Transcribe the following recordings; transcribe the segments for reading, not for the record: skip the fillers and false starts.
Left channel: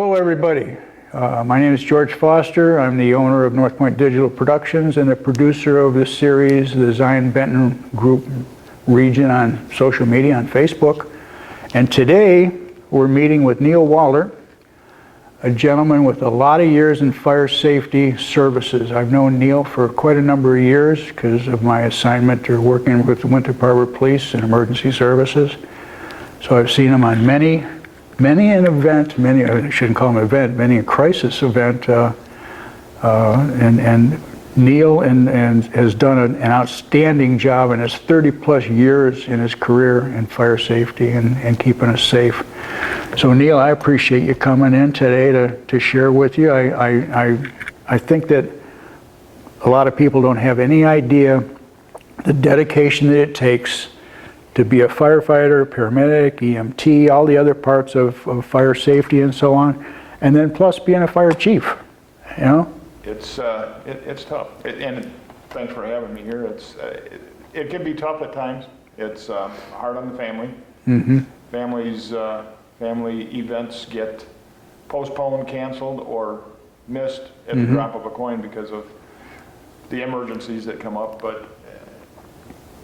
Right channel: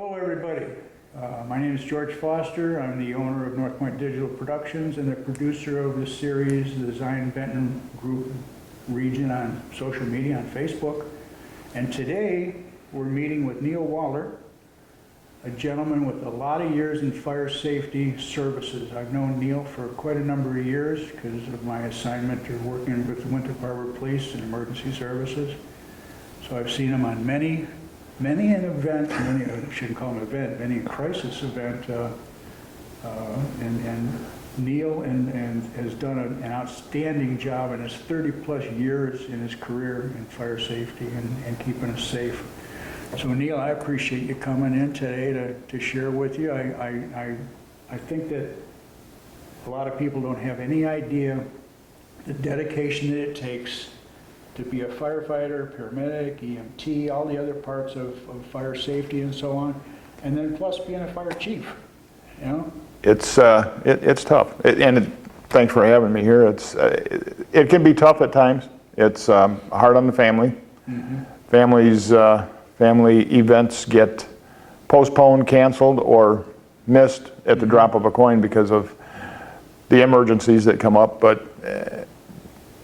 Hello everybody, my name is George Foster. I'm the owner of North Point Digital Productions and the producer of this series, the Zion Benton Group region on social media, on Facebook. And today we're meeting with Neal Wollert, a gentleman with a lot of years in fire safety services. I've known Neal for quite a number of years because of my assignment to working with the Winthrop Police and emergency services. So I've seen him on many an event, I shouldn't call him an event, many a crisis event, and Neal has done an outstanding job in his 30-plus years in his career in fire safety and keeping us safe. So Neal, I appreciate you coming in today to share with you. I think that a lot of people don't have any idea the dedication that it takes to be a firefighter, paramedic, EMT, all the other parts of fire safety and so on, and then plus being a fire chief, you know? It's tough, thanks for having me here. It can be tough at times. It's hard on the family. Mm-hmm. Family events get postponed, canceled, or missed at the drop of a coin because of the emergencies that come up. But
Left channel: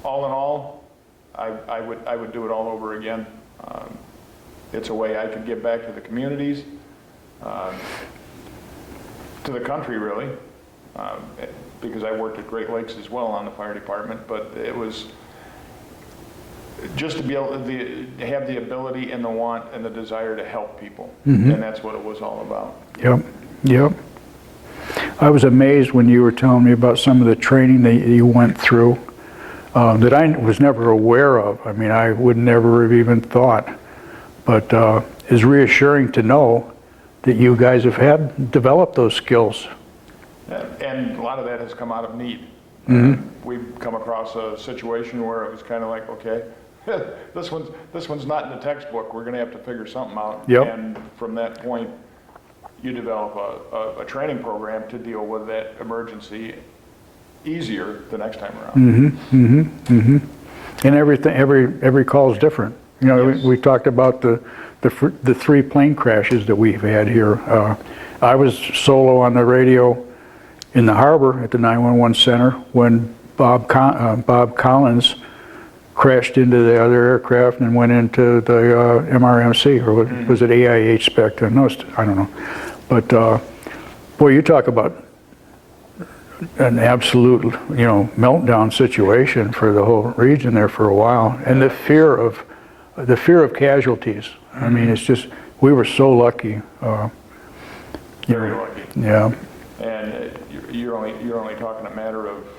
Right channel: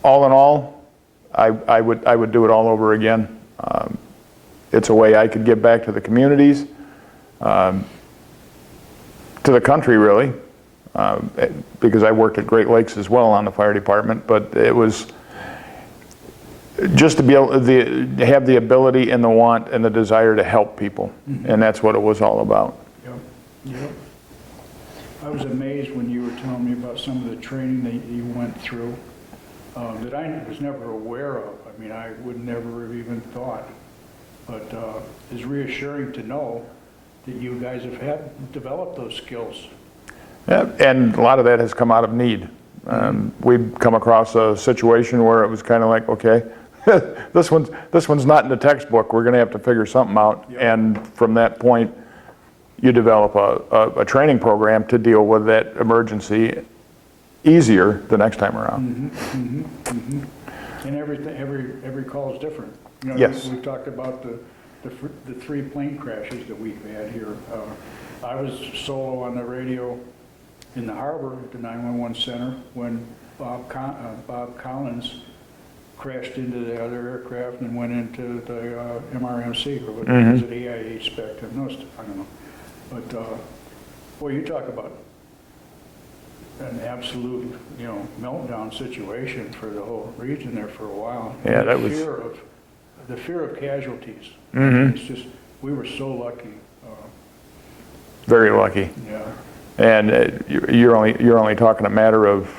all in all, I would do it all over again. It's a way I could give back to the communities, to the country really, because I worked at Great Lakes as well on the fire department. But it was just to be able to have the ability and the want and the desire to help people, and that's what it was all about. Yep. I was amazed when you were telling me about some of the training that you went through. That I was never aware of. I mean, I would never have even thought. But it's reassuring to know that you guys have developed those skills. Yeah, and a lot of that has come out of need. We've come across a situation where it was kind of like, okay, this one's not in the textbook. We're going to have to figure something out. Yep. And from that point, you develop a training program to deal with that emergency easier the next time around. And every call is different. You know, yes. we talked about the 3 plane crashes that we've had here. I was solo on the radio in the harbor at the 911 center when Bob Collins crashed into the other aircraft and went into the MRMC, or was it AIH back then? No, I don't know. But boy, you talk about an absolute, meltdown situation for the whole region there for a while, and the fear of casualties. I mean, it's just, we were so lucky. Very lucky. Yeah. And you're only talking a matter of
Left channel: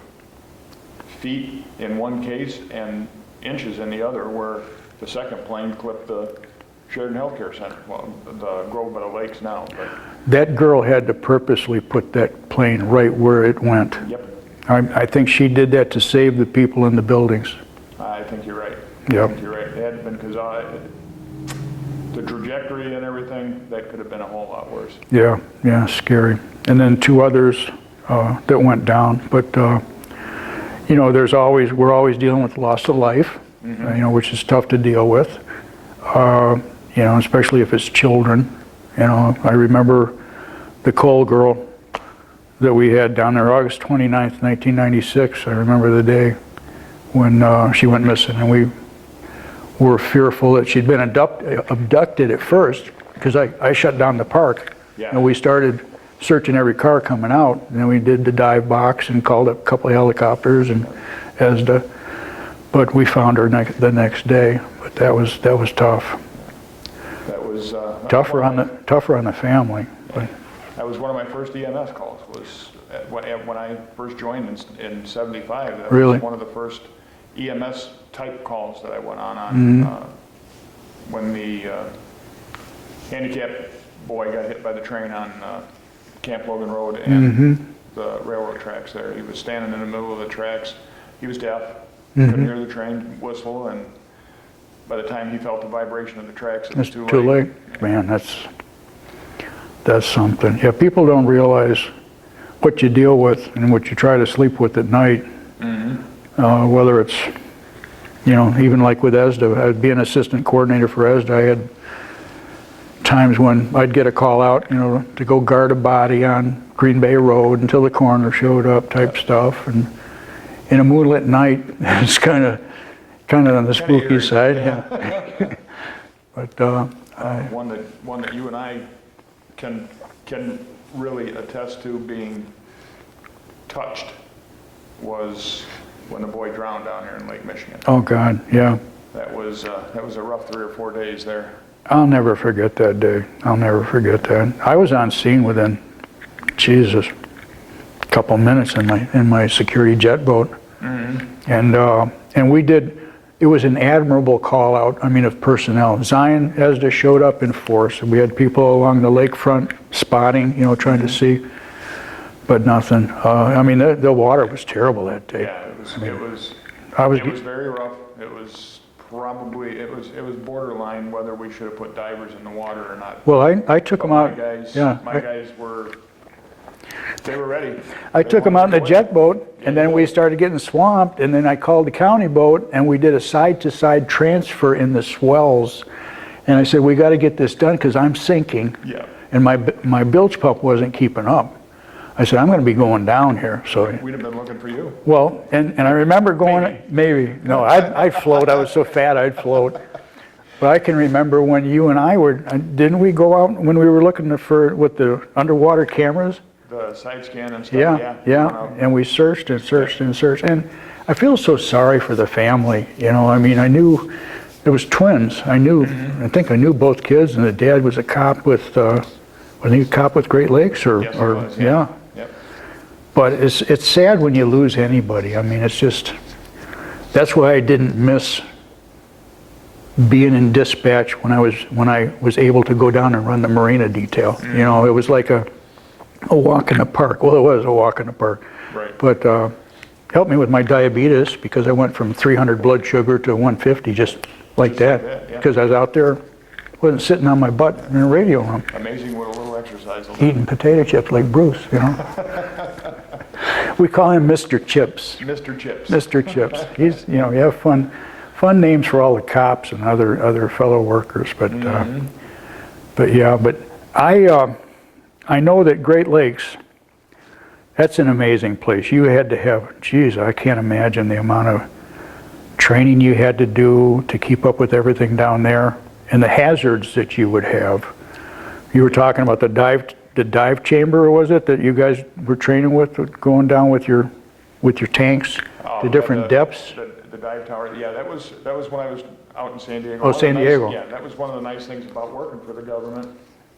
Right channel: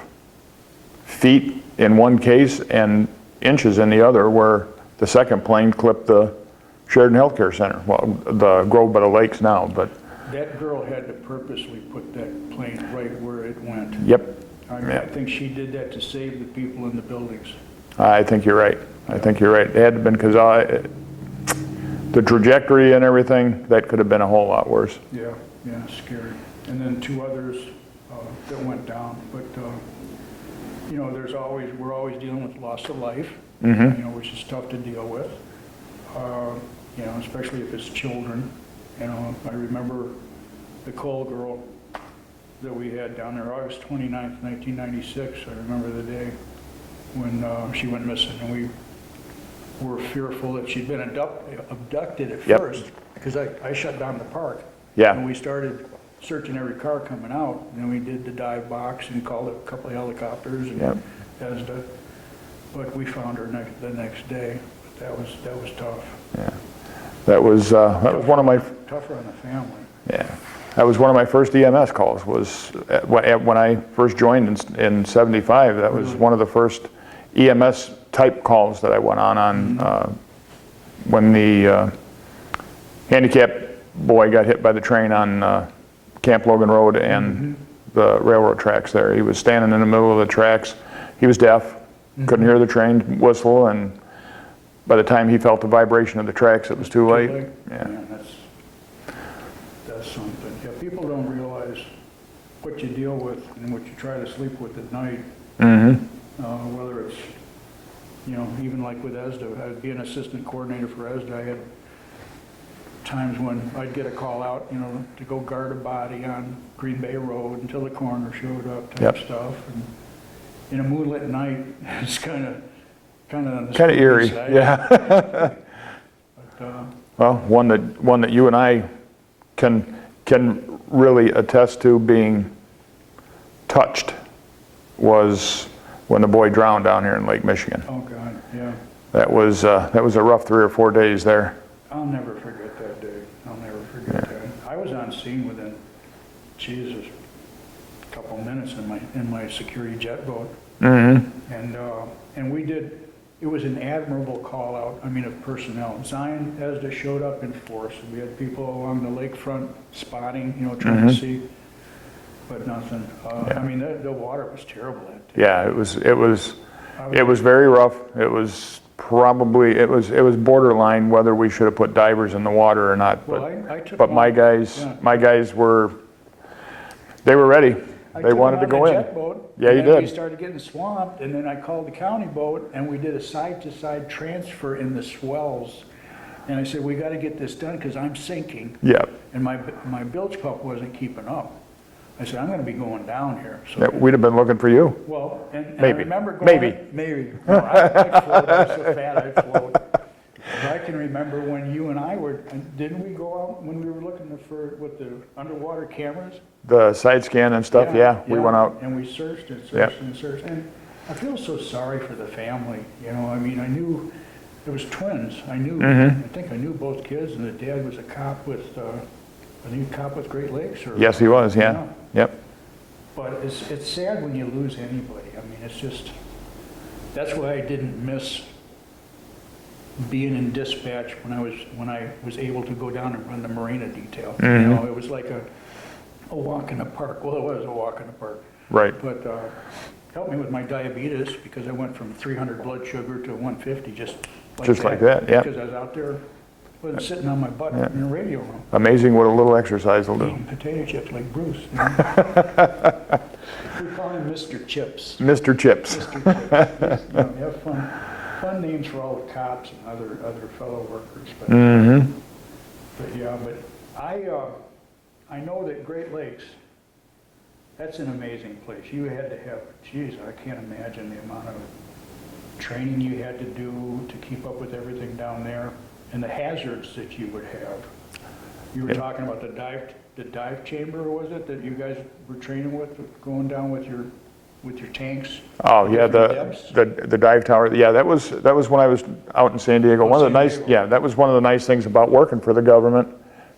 feet in one case and inches in the other, where the second plane clipped the Sheridan Healthcare Center. Well, the Grove by the Lakes now, but. That girl had to purposely put that plane right where it went. Yep. I think she did that to save the people in the buildings. I think you're right. Yep. I think you're right. It had to have been, because the trajectory and everything, that could have been a whole lot worse. Yeah, scary. And then 2 others that went down. But we're always dealing with loss of life, which is tough to deal with. Especially if it's children. I remember the Cole girl that we had down there, August 29th, 1996. I remember the day when she went missing, and we were fearful that she'd been abducted at first, because I shut down the park. Yeah. And we started searching every car coming out, and then we did the dive box and called up a couple of helicopters and ESDA. But we found her the next day. But that was tough. Yeah. That was tougher on the family. Yeah. That was one of my first EMS calls. Was when I first joined in '75. That was one of the first EMS type calls that I went on when the handicapped boy got hit by the train on Camp Logan Road and the railroad tracks there. He was standing in the middle of the tracks. He was deaf, couldn't hear the train whistle, and by the time he felt the vibration of the tracks, it was too late. Yeah. Man, that's something. Yeah, people don't realize what you deal with and what you try to sleep with at night. Whether it's, even like with ESDA, I'd be an assistant coordinator for ESDA. I had times when I'd get a call out, to go guard a body on Green Bay Road until the coroner showed up type Yep. stuff. And in a moonlit night, it's kind of on the Kinda spooky eerie, side. yeah. But Well, one that you and I can really attest to being touched was when the boy drowned down here in Lake Michigan. oh God, yeah. That was a rough 3 or 4 days there. I'll never forget that day. I'll never forget that. I was on scene within, Jesus, a couple minutes in my security jet boat. Mm-hmm. And we did. It was an admirable call out. I mean, of personnel. Zion ESDA showed up in force. We had people along the lakefront spotting, trying to see, but nothing. I mean, the water was terrible that day. Yeah, it was very rough. It was borderline whether we should have put divers in the water or not. Well, I took But them out. my guys were ready. I They took them wanted out to in go the jet boat, Yeah, and you then we did. started getting swamped, and then I called the county boat, and we did a side-to-side transfer in the swells. And I said, we got to get this done because I'm sinking, Yeah. and my bilge pump wasn't keeping up. I said, I'm going to be going down here. So, We'd have been looking for you. well, and I Maybe. remember going, maybe. No, I'd float. I was so fat I'd float. But I can remember when you and I were, didn't we go out when we were looking with the underwater cameras? The side scan and stuff, yeah. We went out. And we searched and searched and searched. And I feel so sorry for the family. I mean, I knew there was twins. I think I knew both kids, and the dad was a cop with, was he a cop with Great Lakes? Yes, he was, yeah. Yep. But it's sad when you lose anybody. I mean, it's just, that's why I didn't miss being in dispatch when I was able to go down and run the marina detail. It was like a walk in the park. Well, it was a walk in the park. Right. But helped me with my diabetes because I went from 300 blood sugar to 150 just like that. Yeah. Because I was out there, wasn't sitting on my butt in a radio room. Amazing what a little exercise will do. Eating potato chips like Bruce, We call him Mr. Chips. Mr. Chips. Mr. Chips. He's, you have fun names for all the cops and other fellow workers, but I know that Great Lakes, that's an amazing place. You had to have, geez, I can't imagine the amount of training you had to do to keep up with everything down there and the hazards that you would have. You were talking about the dive chamber, or was it, that you guys were training with, going down with your tanks, the different depths? The dive tower. Yeah, that was when I was out in San Diego. Oh, San Diego. Yeah, that was one of the nice things about working for the government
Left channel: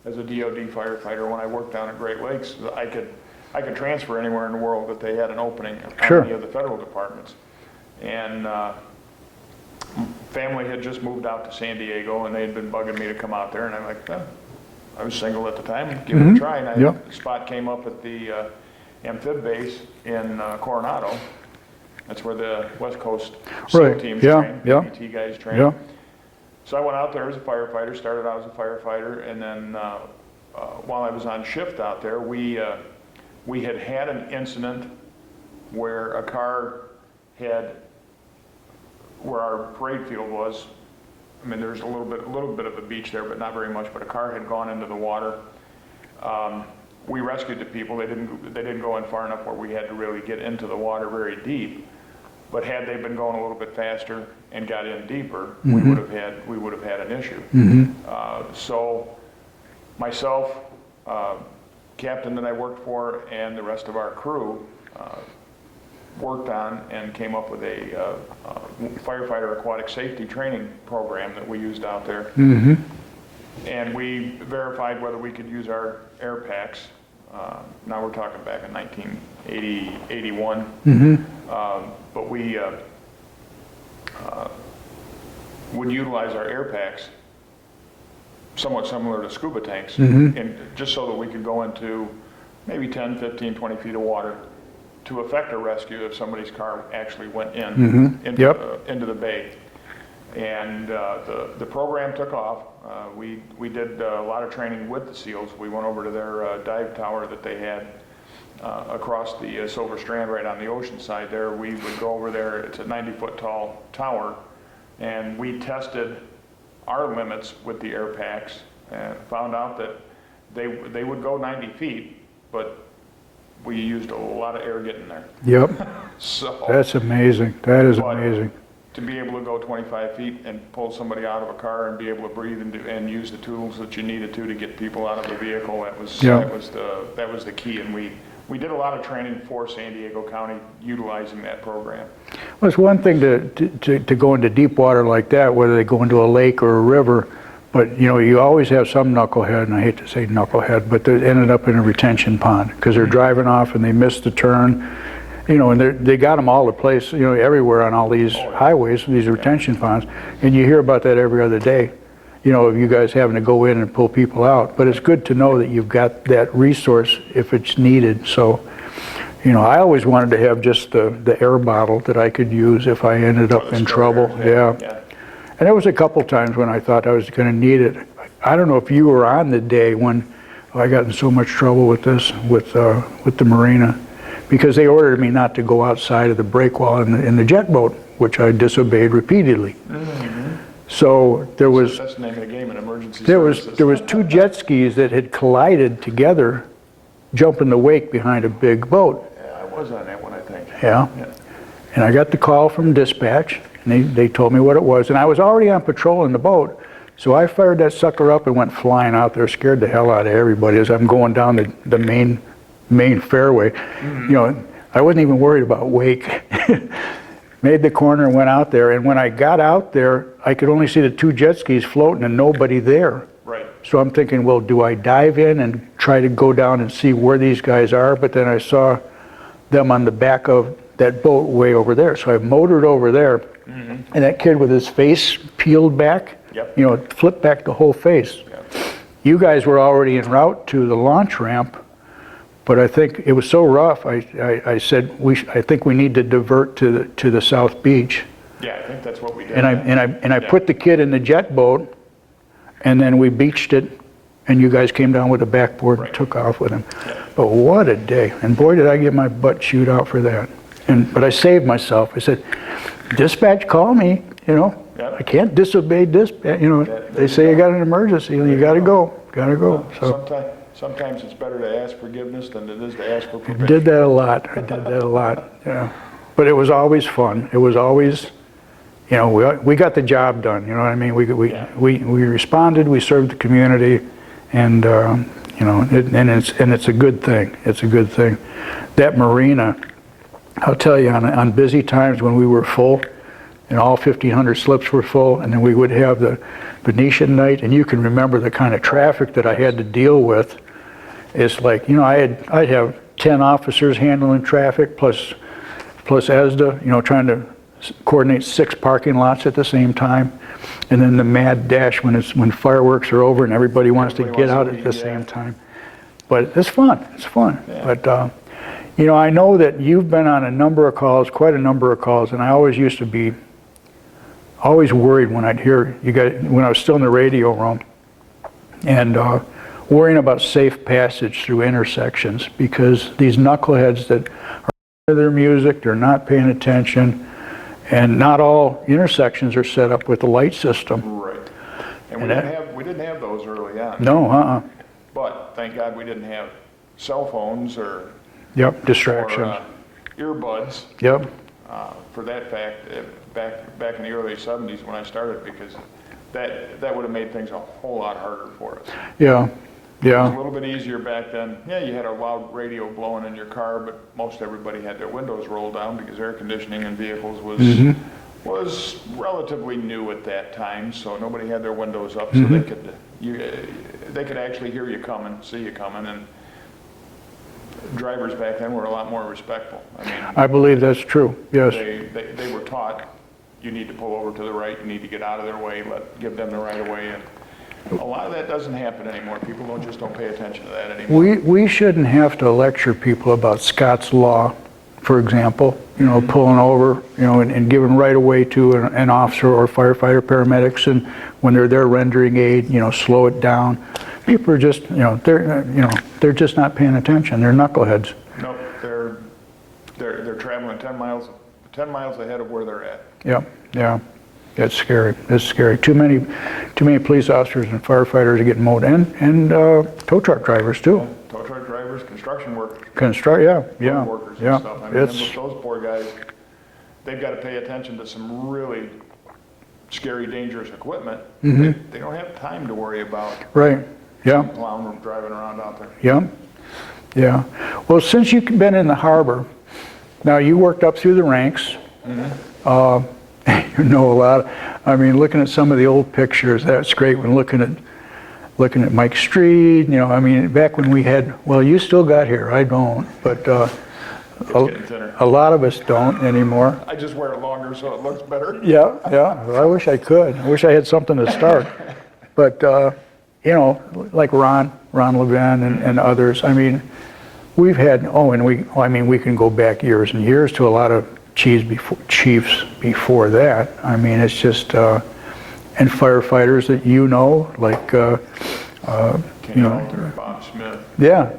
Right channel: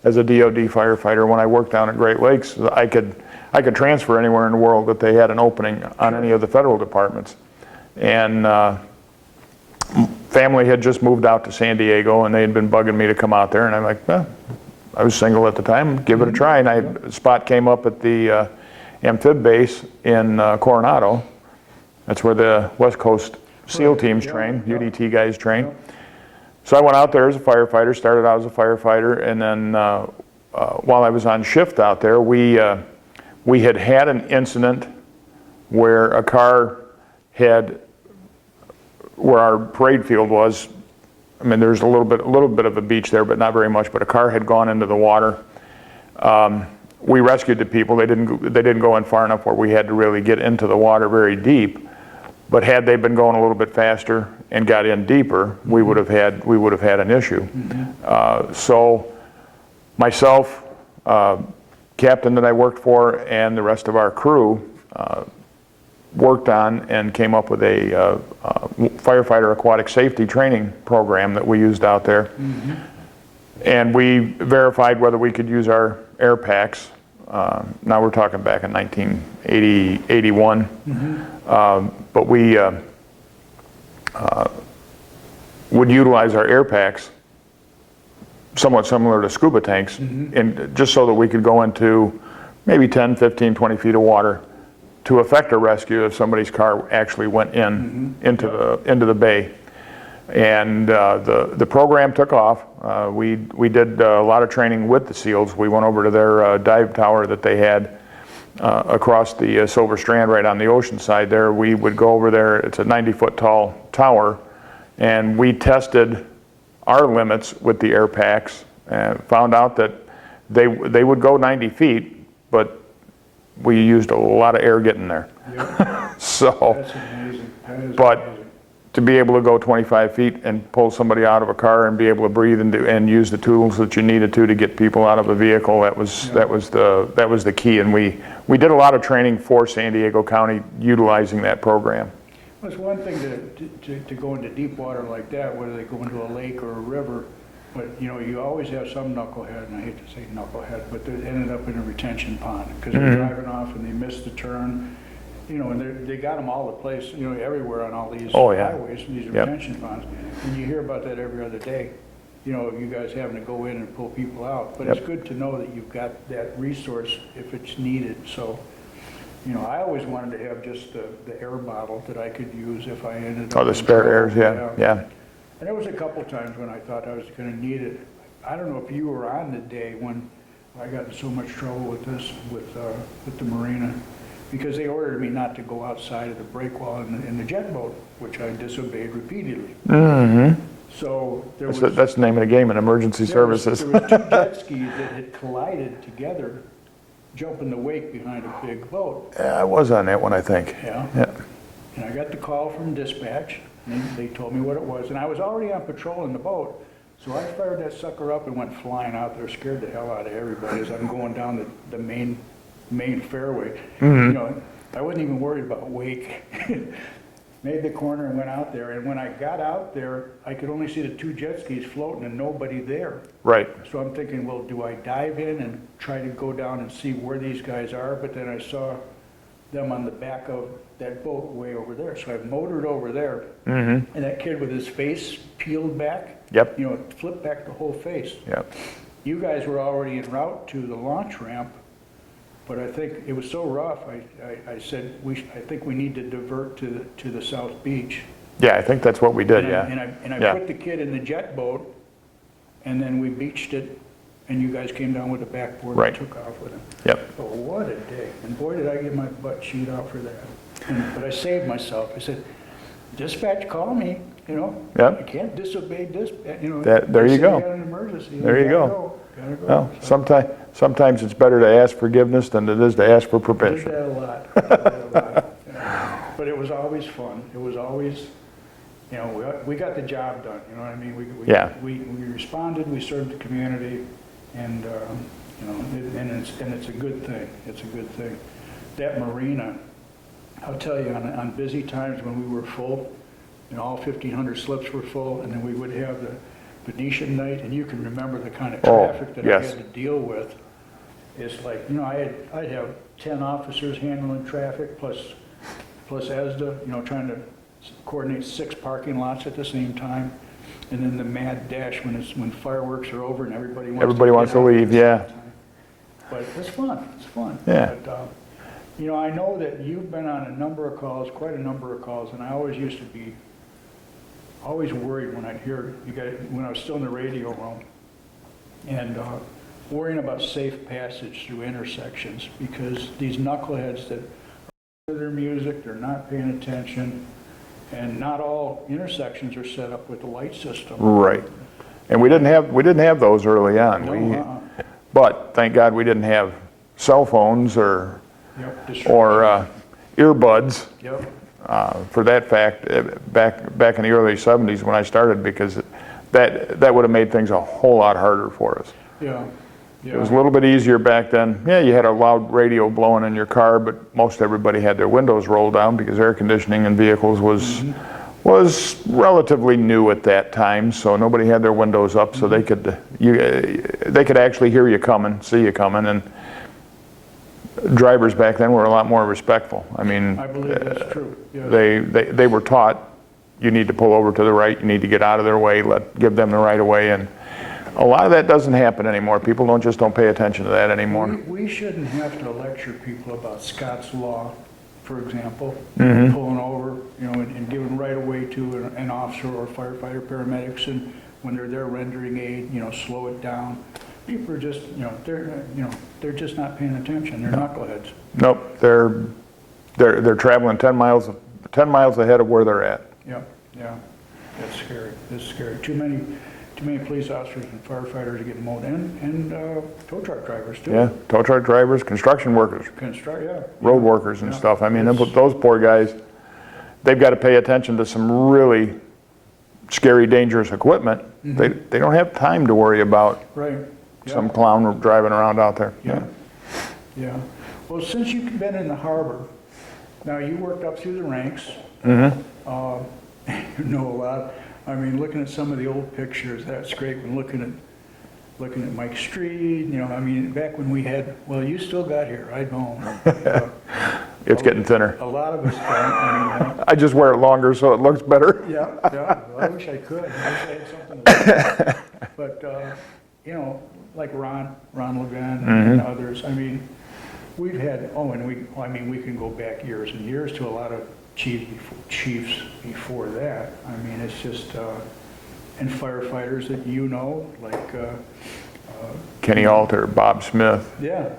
as a DoD firefighter. When I worked down at Great Lakes, I could transfer anywhere in the world that they had an opening on any of the federal departments. And family had just moved out to San Diego, and they had been bugging me to come out there, and I'm like, I was single at the time, give it a try, and a spot came up at the amphib base in Coronado. That's where the West Coast SEAL teams train, BDT guys train. Yeah. So I went out there as a firefighter, started out as a firefighter, and then while I was on shift out there, we had an incident where a car where our parade field was, I mean, there's a little bit of a beach there, but not very much, but a car had gone into the water. We rescued the people. They didn't go in far enough where we had to really get into the water very deep. But had they been going a little bit faster and got in deeper, we would have had an issue. So myself, captain that I worked for, and the rest of our crew worked on and came up with a firefighter aquatic safety training program that we used out there. And we verified whether we could use our air packs. Now we're talking back in 1980, 81. But we would utilize our air packs somewhat similar to scuba tanks, and just so that we could go into maybe 10, 15, 20 feet of water to effect a rescue if somebody's car actually went into the bay. And the program took off. We did a lot of training with the SEALs. We went over to their dive tower that they had across the Silver Strand right on the ocean side there. We would go over there. It's a 90-foot tall tower, and we tested our limits with the air packs found out that they would go 90 feet, but we used a lot of air getting there. Yep. So That's amazing. That is amazing. To be able to go 25 feet and pull somebody out of a car and be able to breathe and use the tools that you needed to get people out of a vehicle, that was the key. And we did a lot of training for San Diego County utilizing that program. Well, it's one thing to go into deep water like that, whether they go into a lake or a river, but you always have some knucklehead, and I hate to say knucklehead, but they ended up in a retention pond because they're driving off and they missed the turn. And they got them all the place, everywhere on all these highways, these retention ponds, and you hear about that every other day. Of you guys having to go in and pull people out, but it's good to know that you've got that resource if it's needed. So, I always wanted to have just the air bottle that I could use if I ended up in trouble. Yeah. And there was a couple times when I thought I was going to need it. I don't know if you were on the day when I got in so much trouble with this with the marina, because they ordered me not to go outside of the breakwall in the jet boat, which I disobeyed repeatedly. Mm-hmm. So there was... That's the name of the game in emergency services. There was two jet skis that had collided together, jumping the wake behind a big boat. Yeah, I was on that one, I think. Yeah. And I got the call from dispatch, and they told me what it was. And I was already on patrol in the boat, so I fired that sucker up and went flying out there, scared the hell out of everybody as I'm going down the main fairway. Mm-hmm. I wasn't even worried about wake. Made the corner and went out there, and when I got out there, I could only see the two jet skis floating and nobody there. Right. So I'm thinking, well, do I dive in and try to go down and see where these guys are? But then I saw them on the back of that boat way over there. So I motored over there, and that kid with his face peeled back, flipped back the whole face. Yep. You guys were already en route to the launch ramp, but I think it was so rough, I said, I think we need to divert to the South Beach. Yeah, I think that's what we did. And I put the kid in the jet boat, and then we beached it, and you guys came down with a backboard and took off with him. Yep. But what a day. And boy, did I get my butt chewed out for that. But I saved myself. I said, dispatch, call me, I can't disobey dispatch, they say you got an emergency, you gotta go. Well, So. Sometimes it's better to ask forgiveness than it is to ask for I prevention. did that a lot. Yeah. But it was always fun. It was always, we got the job done. You know what I mean? We responded. We served the community, and it's a good thing. It's a good thing. That marina, I'll tell you, on busy times when we were full, and all 1,500 slips were full, and then we would have the Venetian night, and you can remember the kind of traffic that I had to deal with. It's like, I'd have 10 officers handling traffic plus ESDA, trying to coordinate 6 parking lots at the same time, and then the mad dash when fireworks are over and everybody wants to get out at the same time. But it's fun. It's fun. Yeah. But I know that you've been on a number of calls, quite a number of calls, and I always used to be always worried when I'd hear you guys, when I was still in the radio room, and worrying about safe passage through intersections, because these knuckleheads that are into their music, they're not paying attention, and not all intersections are set up with a light system. Right. And we didn't have those early on. No, But thank God we didn't have cell phones or distractions. Or earbuds. Yep. For that fact, back in the early 70s when I started, because that would have made things a whole lot harder for us. Yeah. It was a little bit easier back then. Yeah, you had a loud radio blowing in your car, but most everybody had their windows rolled down because air conditioning in vehicles was relatively new at that time. So nobody had their windows up, so they could actually hear you coming, see you coming, and drivers back then were a lot more respectful. I mean, I believe that's true. Yes. They were taught, you need to pull over to the right, you need to get out of their way, give them the right of way, and a lot of that doesn't happen anymore. People don't pay attention to that anymore. We shouldn't have to lecture people about Scott's Law, for example, pulling over, and giving right of way to an officer or firefighter, paramedics, and when they're there rendering aid, slow it down. People are just, they're just not paying attention. They're knuckleheads. Nope, they're traveling 10 miles ahead of where they're at. Yep, yeah. That's scary. That's scary. Too many police officers and firefighters are getting mowed, and tow truck drivers too. Yeah, tow truck drivers, construction workers, road workers and stuff. I mean, those poor guys, they've got to pay attention to some really scary, dangerous equipment. They don't have time to worry about some clown driving around out there. Yeah. Well, since you've been in the harbor, now you worked up through the ranks. You know a lot. I mean, looking at some of the old pictures, that's great. When looking at Mike Street, you know, I mean, back when we had, well, you still got hair, I don't, but it's getting thinner. A lot of us don't anymore. I just wear it longer so it looks better. Yeah. Well, I wish I could. I wish I had something to start. But you know, like Ron Levin and others. I mean, we've had. We can go back years and years to a lot of chiefs before that. I mean, it's just and firefighters that you know, like Kenny Alter, Bob Smith. Yeah.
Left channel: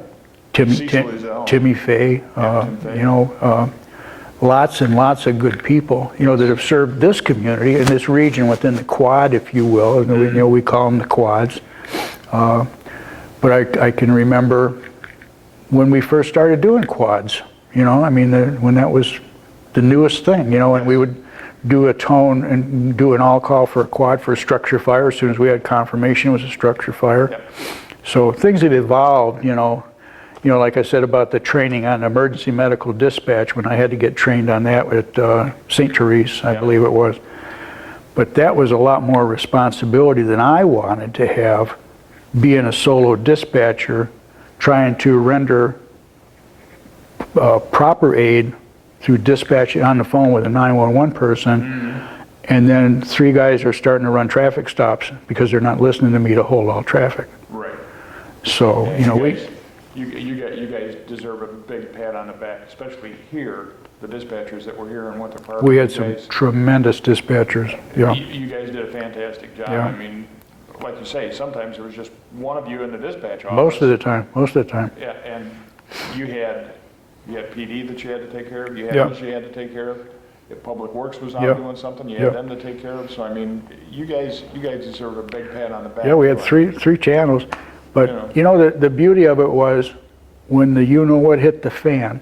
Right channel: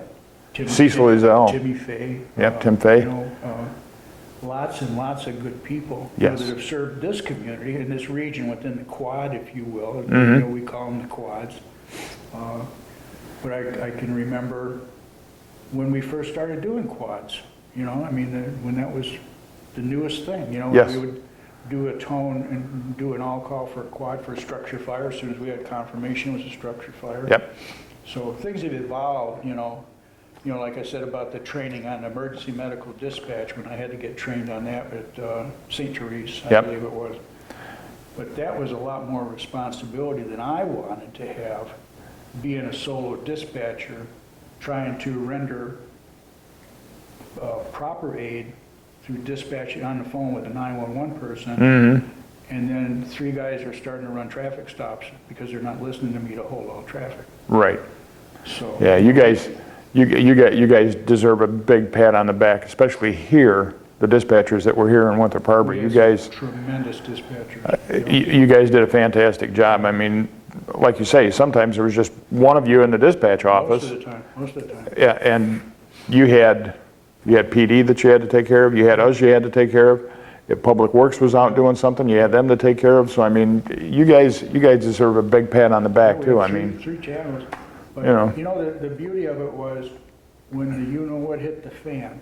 Cecil Ezell. Timmy Fay. Tim Fay. You know, lots and lots of good people, you know, that have served this community and this region within the quad, if you will. You know, we call them the quads. But I can remember when we first started doing quads, you know, I mean, when that was the newest thing, you know, and we would do a tone and do an all-call for a quad for a structure fire as soon as we had confirmation it was a structure fire. So things had evolved, you know, like I said about the training on emergency medical dispatch when I had to get trained on that at St. Therese, I believe it was. But that was a lot more responsibility than I wanted to have, being a solo dispatcher, trying to render proper aid through dispatch on the phone with a 911 person, and then 3 guys are starting to run traffic stops because they're not listening to me to hold all traffic. Right. So yeah, you guys deserve a big pat on the back, especially here, the dispatchers that were here in Winthrop Harbor. We had some tremendous dispatchers. You guys did a fantastic job. I mean, like you say, sometimes there was just one of you in the dispatch office. Most of the time. Yeah, and you had PD that you had to take care of. You had us you had to take care of. If Public Works was out doing something, you had them to take care of. So I mean, you guys deserve a big pat on the back. Yeah, we had three channels. But you know, the beauty of it was when the you-know-what hit the fan,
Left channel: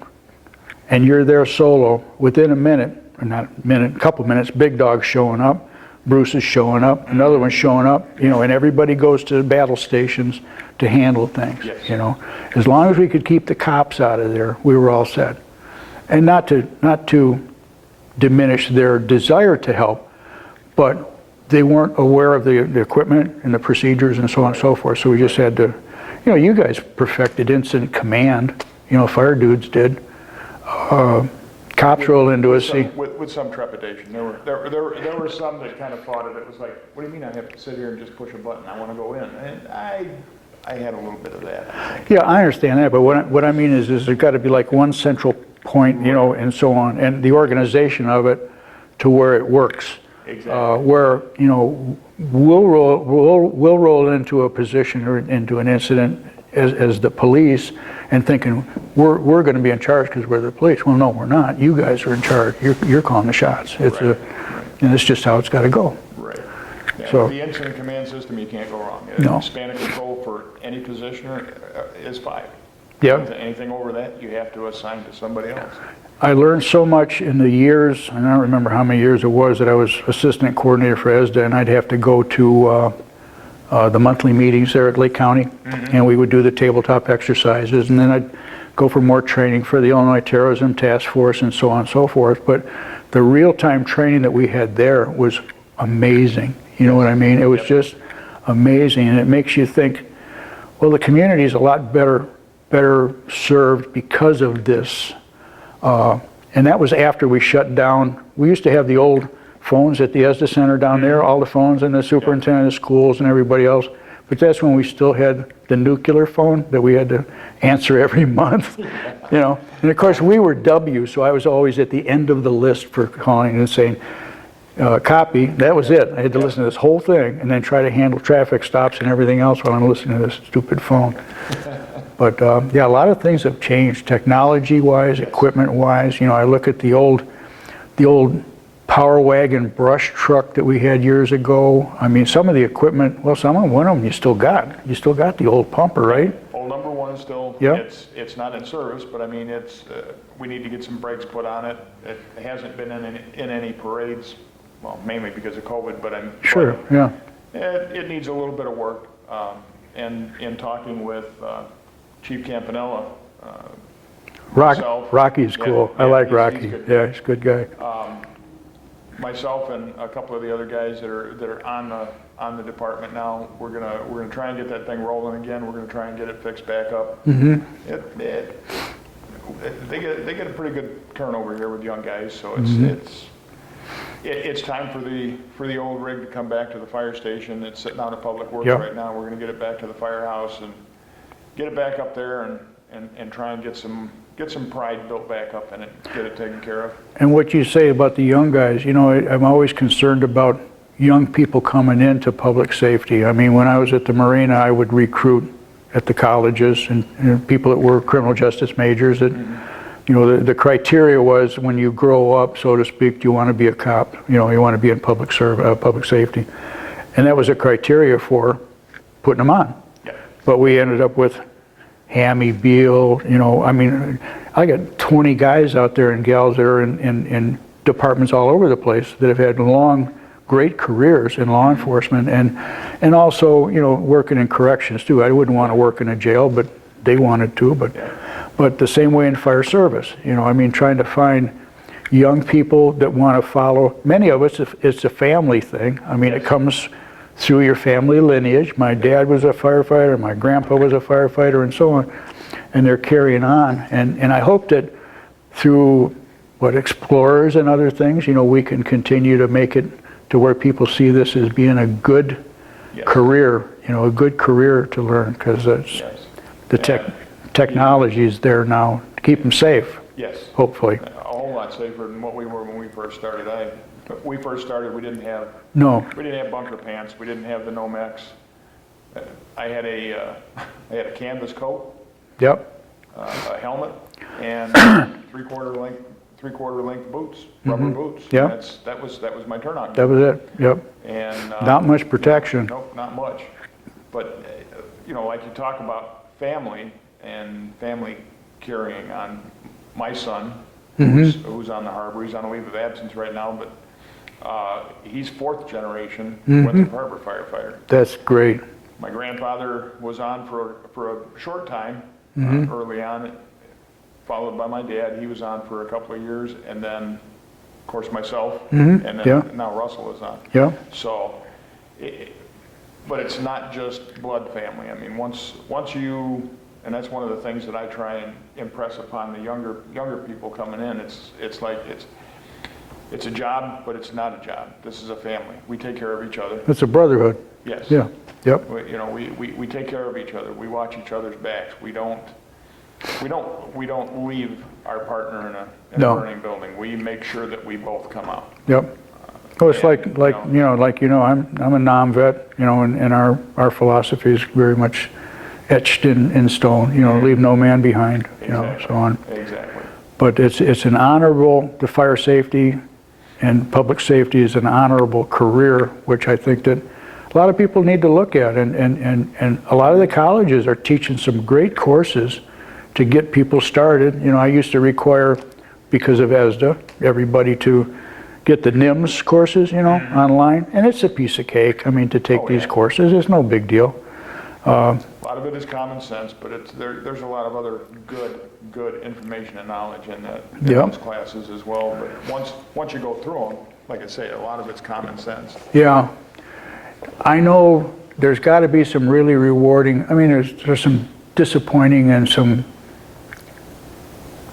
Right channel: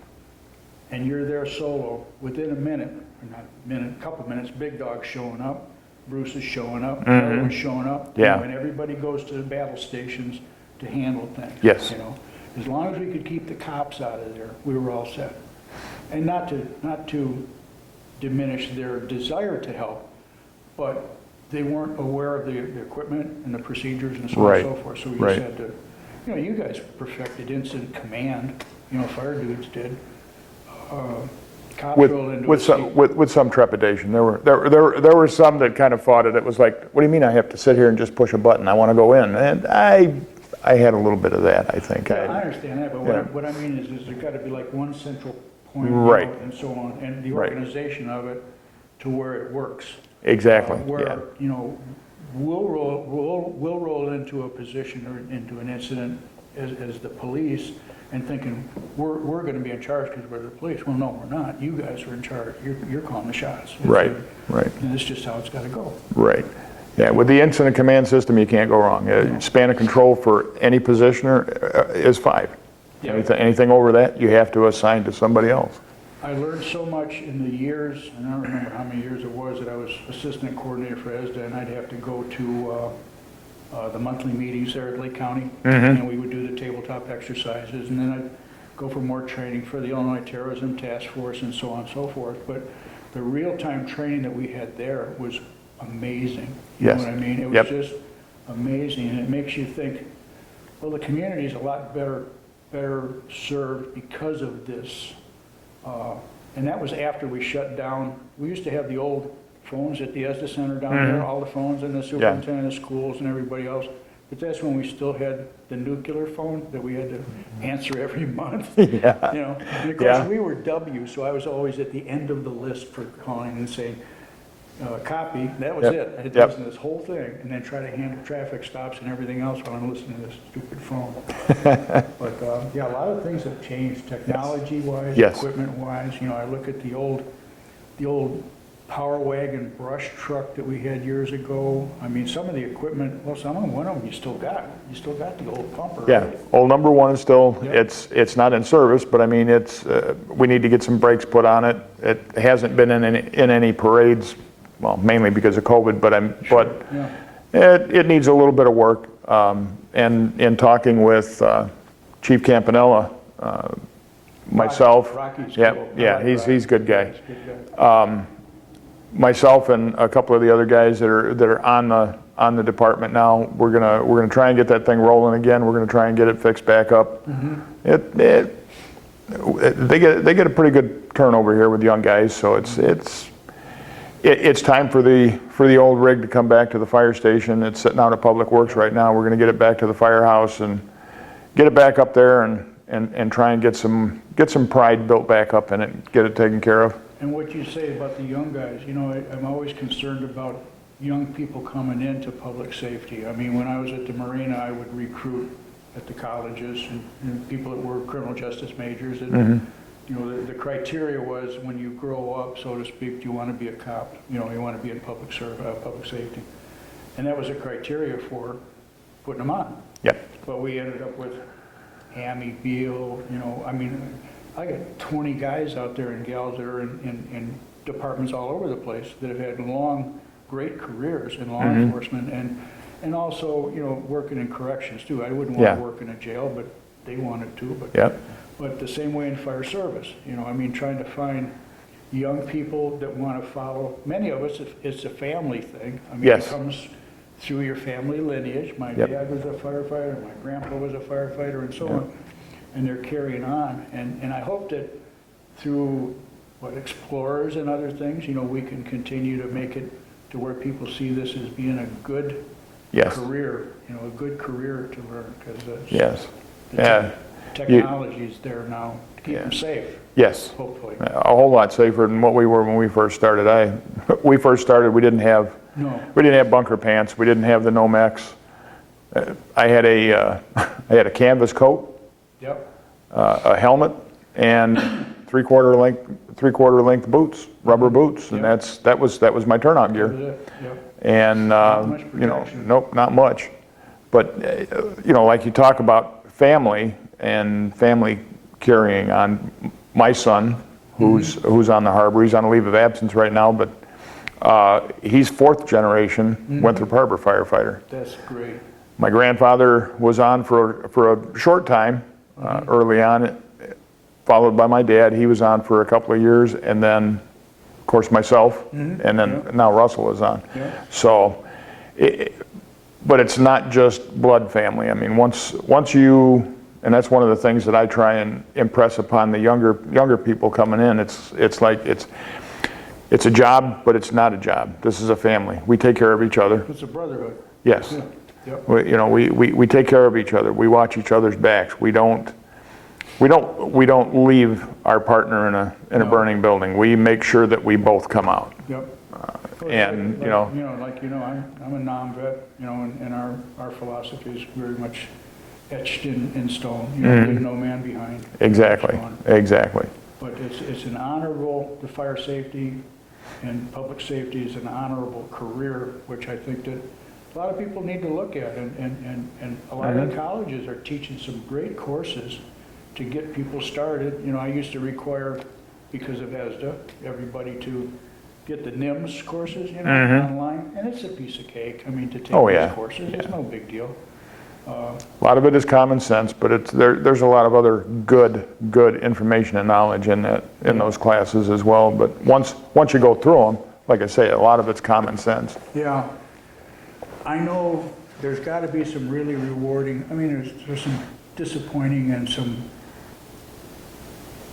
and you're there solo, within a minute, or not a minute, a couple minutes, Big Dog's showing up, Bruce is showing up, another one's showing up, you know, and everybody goes to the battle stations to handle things. You know, as long as we could keep the cops out of there, we were all set. And not to diminish their desire to help, but they weren't aware of the equipment and the procedures and so on and so forth. So we just had to, you know, you guys perfected incident command, you know, fire dudes did. Cops rolled into a with some trepidation. There were some that kind of fought it. It was like, what do you mean I have to sit here and just push a button? I want to go in. And I had a little bit of that, I think. Yeah, I understand that, but what I mean is there's got to be like one central point, you know, and so on, and the organization of it to where it works. Exactly. Where you know we'll roll into a position or into an incident as the police and thinking we're going to be in charge because we're the police. Well, no, we're not. You guys are in charge. You're calling the shots. It's and it's just how it's got to go. Right. Yeah. So, with the incident command system, you can't go wrong. Span of control for any positioner is 5. Anything over that, you have to assign to somebody else. I learned so much in the years, and I don't remember how many years it was that I was assistant coordinator for ESDA, and I'd have to go to the monthly meetings there at Lake County, and we would do the tabletop exercises, and then I'd go for more training for the Illinois Terrorism Task Force and so on and so forth. But the real-time training that we had there was amazing. You know what I mean? It was just amazing, and it makes you think, well, the community is a lot better served because of this. And that was after we shut down. We used to have the old phones at the ESDA Center down there, all the phones and the superintendent of schools and everybody else. But that's when we still had the nuclear phone that we had to answer every month. You know, and of course we were W, so I was always at the end of the list for calling and saying, copy. That was it. I had to listen to this whole thing and then try to handle traffic stops and everything else while I'm listening to this stupid phone. But yeah, a lot of things have changed technology-wise, equipment-wise. You know, I look at the old power wagon brush truck that we had years ago. I mean, some of the equipment, well, one of them you still got. You still got the old pumper, right? Old number one is still, Yeah. it's not in service, but I mean, we need to get some brakes put on it. It hasn't been in any parades, well, mainly because of COVID, but Sure, yeah. it needs a little bit of work. And in talking with Chief Campanella, myself. Rocky's Yeah, cool. yeah, I like Rocky. he's a good guy. Yeah, he's a good guy. Myself and a couple of the other guys that are on the department now, we're gonna try and get that thing rolling again. We're gonna try and get it fixed back up. Mm-hmm. They get a pretty good turnover here with young guys, so it's time for the old rig to come back to the fire station. It's sitting out at Public Works Yep. right now. We're gonna get it back to the firehouse and get it back up there and try and get some pride built back up in it, get it taken care of. And what you say about the young guys, you know, I'm always concerned about young people coming into public safety. I mean, when I was at the Marina, I would recruit at the colleges and people that were criminal justice majors. That, you know, the criteria was when you grow up, so to speak, do you want to be a cop? You know, you want to be in public safety. And that was a criteria for putting them on. Yeah. But we ended up with Hammy, Beal, you know, I mean, I got 20 guys out there and gals that are in departments all over the place that have had long, great careers in law enforcement and also, you know, working in corrections too. I wouldn't want to work in a jail, but they wanted to. But the same way in fire service, you know, I mean, trying to find young people that want to follow. Many of us, it's a family thing. I mean, it comes through your family lineage. My dad was a firefighter, my grandpa was a firefighter, and so on. And they're carrying on. And I hope that through explorers and other things, you know, we can continue to make it to where people see this as being a good career, you know, a good career to learn, because the technology is there now to keep them safe. Yes. Hopefully. A whole lot safer than what we were when we first started. We didn't have bunker pants. We didn't have the Nomex. I had a canvas coat. Yep. A helmet and three-quarter length boots, rubber boots. Yep. And that was my turnout gear. That was it. Yep. And not much protection. You know, nope, not much. But you know, like you talk about family and family carrying on. My son, who's on the harbor, he's on a leave of absence right now, but he's fourth generation Winthrop Harbor firefighter. That's great. My grandfather was on for a short time early on, followed by my dad. He was on for a couple of years, and then, of course, myself, and then now Russell is on. Yeah. So, but it's not just blood family. I mean, once you, and that's one of the things that I try and impress upon the younger people coming in. It's like it's a job, but it's not a job. This is a family. We take care of each other. It's a brotherhood. Yes. Yeah. Yep. We take care of each other. We watch each other's backs. We don't leave our partner in a burning building. We make sure that we both come out. Yep. Oh, it's I'm a non-vet, you know, and our philosophy is very much etched in stone. You know, leave no man behind. Exactly. You know, so on. Exactly. But it's an honorable. The fire safety and public safety is an honorable career, which I think that a lot of people need to look at, and a lot of the colleges are teaching some great courses to get people started. You know, I used to require, because of ESDA, everybody to get the NIMS courses, you know, online, and it's a piece of cake. I mean, to take these courses, it's no big deal. A lot of it is common sense, but there's a lot of other good information and knowledge in those classes as well. But once you go through them, like I say, a lot of it's common sense. Yeah. I know there's got to be some really rewarding, I mean, there's some disappointing and some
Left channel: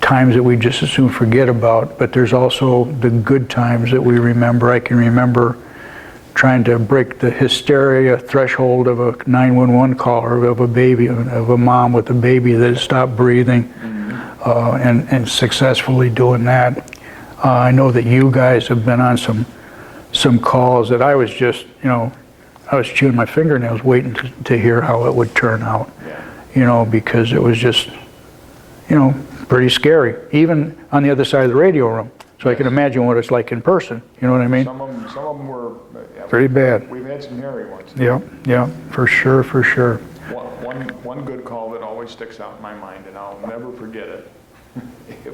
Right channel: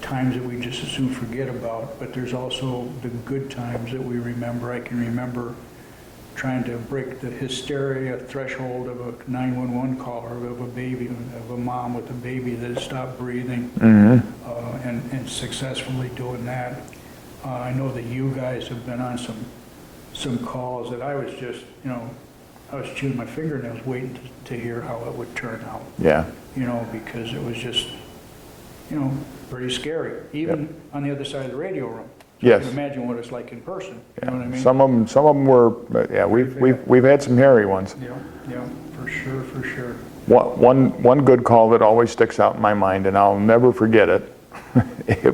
times that we just as soon forget about, but there's also the good times that we remember. I can remember trying to break the hysteria threshold of a 911 call, or of a baby, of a mom with a baby that had stopped breathing, and successfully doing that. I know that you guys have been on some calls that I was just, you know, I was chewing my fingernails waiting to hear how it would turn out. Yeah. You know, because it was just, you know, pretty scary, even on the other side of the radio room. So I Yes. can imagine what it's like in person. You know what I mean? Some of them were, yeah, Pretty bad. We've had some hairy ones. Yeah, yeah, for sure, for sure. One good call that always sticks out in my mind, and I'll never forget it. It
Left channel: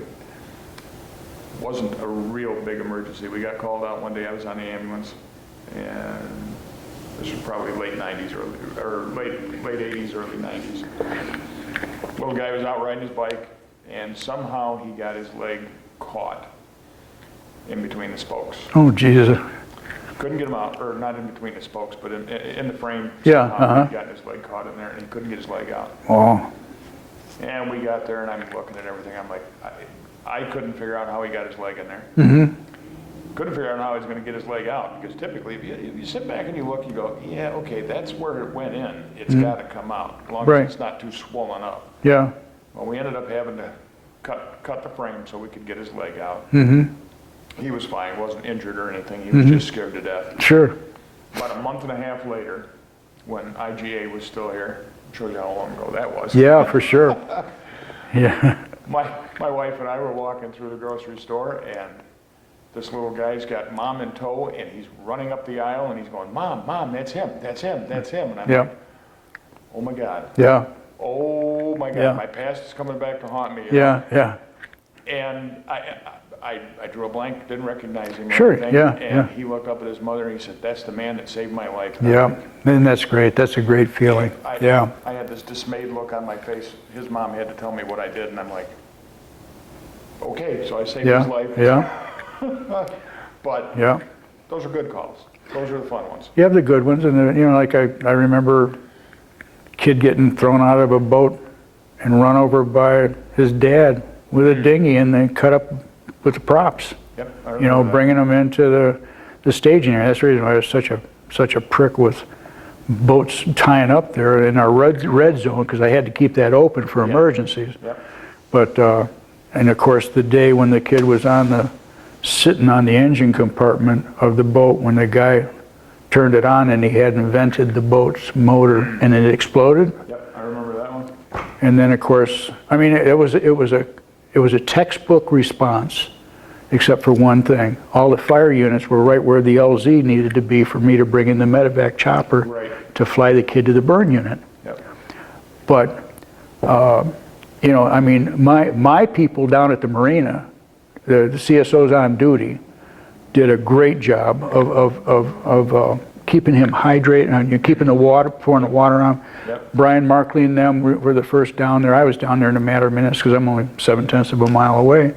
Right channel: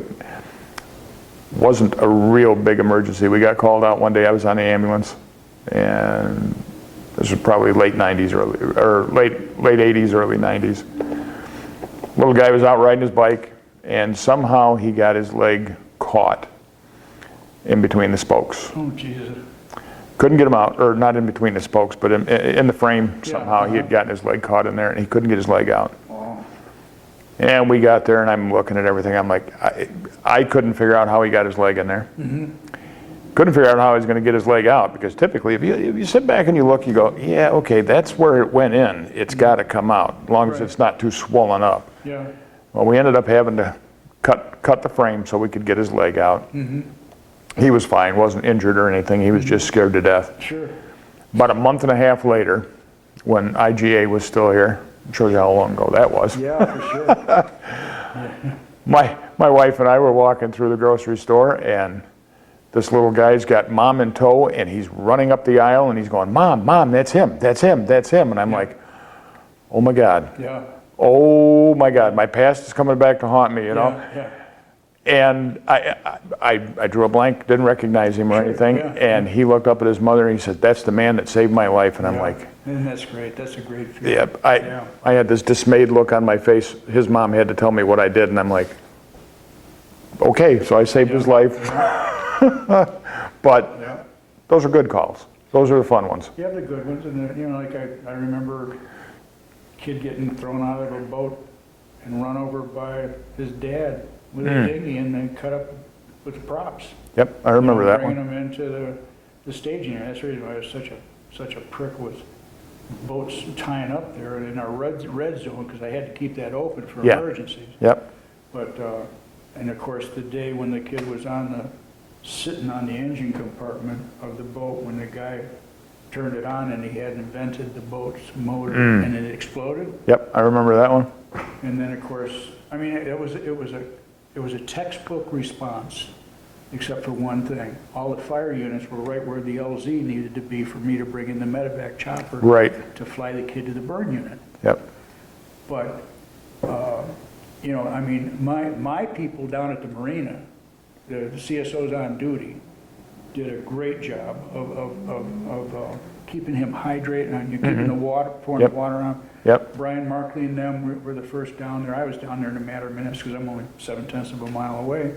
wasn't a real big emergency. We got called out one day. I was on the ambulance, and this was probably late 90s, late 80s, early 90s. Little guy was out riding his bike, and somehow he got his leg caught in between the spokes. Oh, Jesus. Couldn't get him out, or not in between the spokes, but in the frame. Yeah, Somehow he'd gotten his leg caught in there, and he couldn't get his leg out. Oh, And we got there, and I'm looking at everything. I'm like, I couldn't figure out how he got his leg in there. Couldn't figure out how he's going to get his leg out, because typically, if you sit back and you look, you go, yeah, okay, that's where it went in. It's got to come out, as long as Right. it's not too swollen up. yeah. Well, we ended up having to cut the frame so we could get his leg out. He was fine, wasn't injured or anything. He was just scared to death. Sure. About a month and a half later, when IGA was still here, shows you how long ago that was. Yeah, for sure. Yeah. My wife and I were walking through the grocery store, and this little guy's got Mom in tow, and he's running up the aisle, and he's going, Mom, that's him, that's him, that's him. And I'm Yeah. like, oh my God. Yeah. Oh my God, Yeah. my past is coming back to haunt me, you know? Yeah. And I drew a blank, didn't recognize him or Sure, anything. yeah, And yeah. he looked up at his mother and he said, that's the man that saved my life. And I'm Yeah. like, And that's great. That's a great feeling. I had this dismayed look on my face. His mom had to tell me what I did, and I'm like, okay, so I saved his life. Yeah. But Yeah. those are good calls. Those are the fun ones. You have the good ones, and you know, like I remember kid getting thrown out of a boat and run over by his dad with a dinghy, and then cut up with the props. Yep, I You remember know, that bringing one. them into the staging area. That's the reason why I was such a prick with boats tying up there in our red zone, because I had to keep that open for Yeah. emergencies. Yep, But and of course, the day when the kid was sitting on the engine compartment of the boat, when the guy turned it on and he hadn't vented the boat's motor and it exploded. yep, I remember that one. And then of course, I mean, it was a textbook response, except for one thing. All the fire units were right where the LZ needed to be for me to bring in the medevac chopper Right. to fly the kid to the burn unit. Yep, But you know, I mean, my people down at the marina, the CSOs on duty, did a great job of keeping him hydrated and keeping the water, pouring the water on. Yep. Brian Markley and them were the first down there. I was down there in a matter of minutes because I'm only 0.7 of a mile away.